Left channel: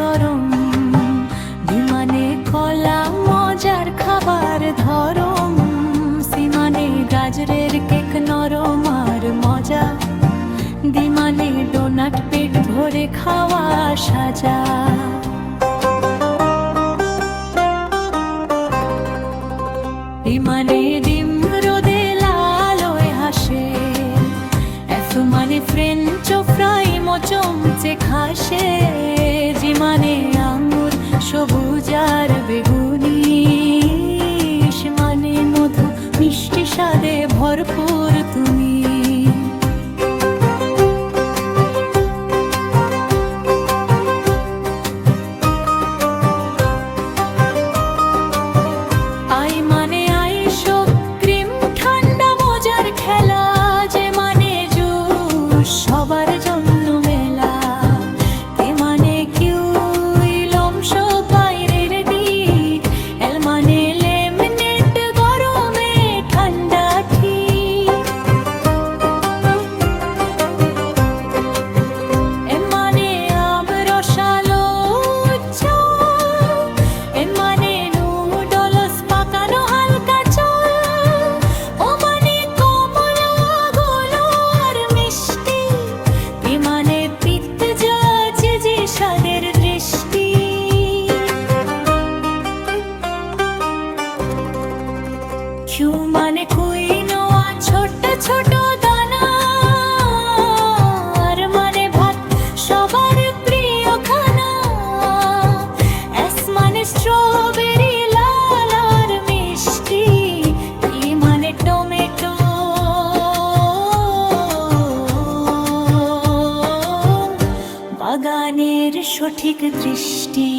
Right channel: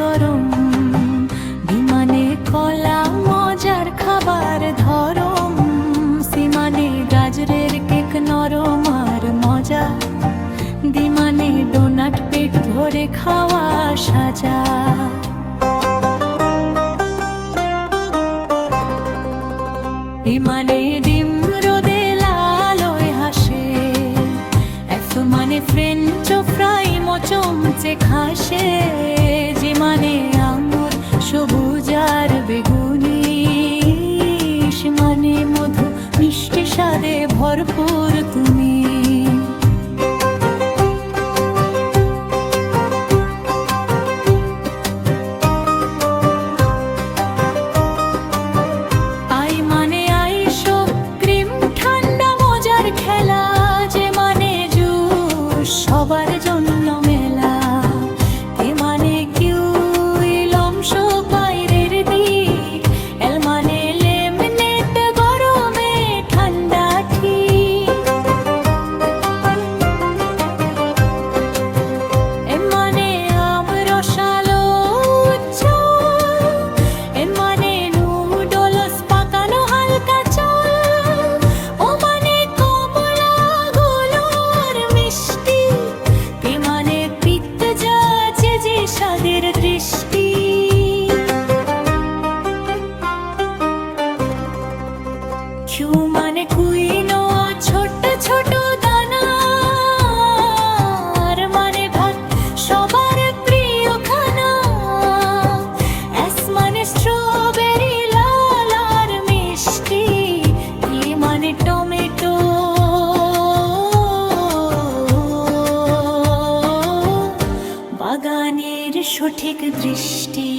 গরম, বিমানে কলা মজার খাবার ধরম, সিমানে গাজরের কেক নরম আর মজা, দিমানে ডোনাট পেট ভরে খাওয়া সাজা। বিমানে ডিম রোদে লালয় হাসে, মানে ফ্রেঞ্চ ফ্রাই মচমচে খাসে, জিমানে আঙ্গুর সবুজ আর বেগুনি, মানে মধু মিষ্টি স্বাদে ভরপুর তুমি। আই মানে আইসো ক্রিম ঠান্ডা মজার খেলা, যে মানে সবার জন্য মেলা, কে মানে কিউই লমস বাইরের দিক, এল মানে লেমনেড গরমে ঠান্ডা ঠিক, এ মানে আম রসালো উজ্জ্বল, এ মানে নুডলস পাকানো হালকা চল, ও মানে কমলা গুলো আর মিষ্টি, মানে পিৎজা চিজি স্বাদের দৃষ্টি। কিউ মানে কুইনোয়া ছোট ছোট দানা, আর মানে ভাত সবার প্রিয় খানা, এস মানে স্ট্রবেরি লাল আর মিষ্টি, টি মানে টমেটো, বাগানের সঠিক দৃষ্টি।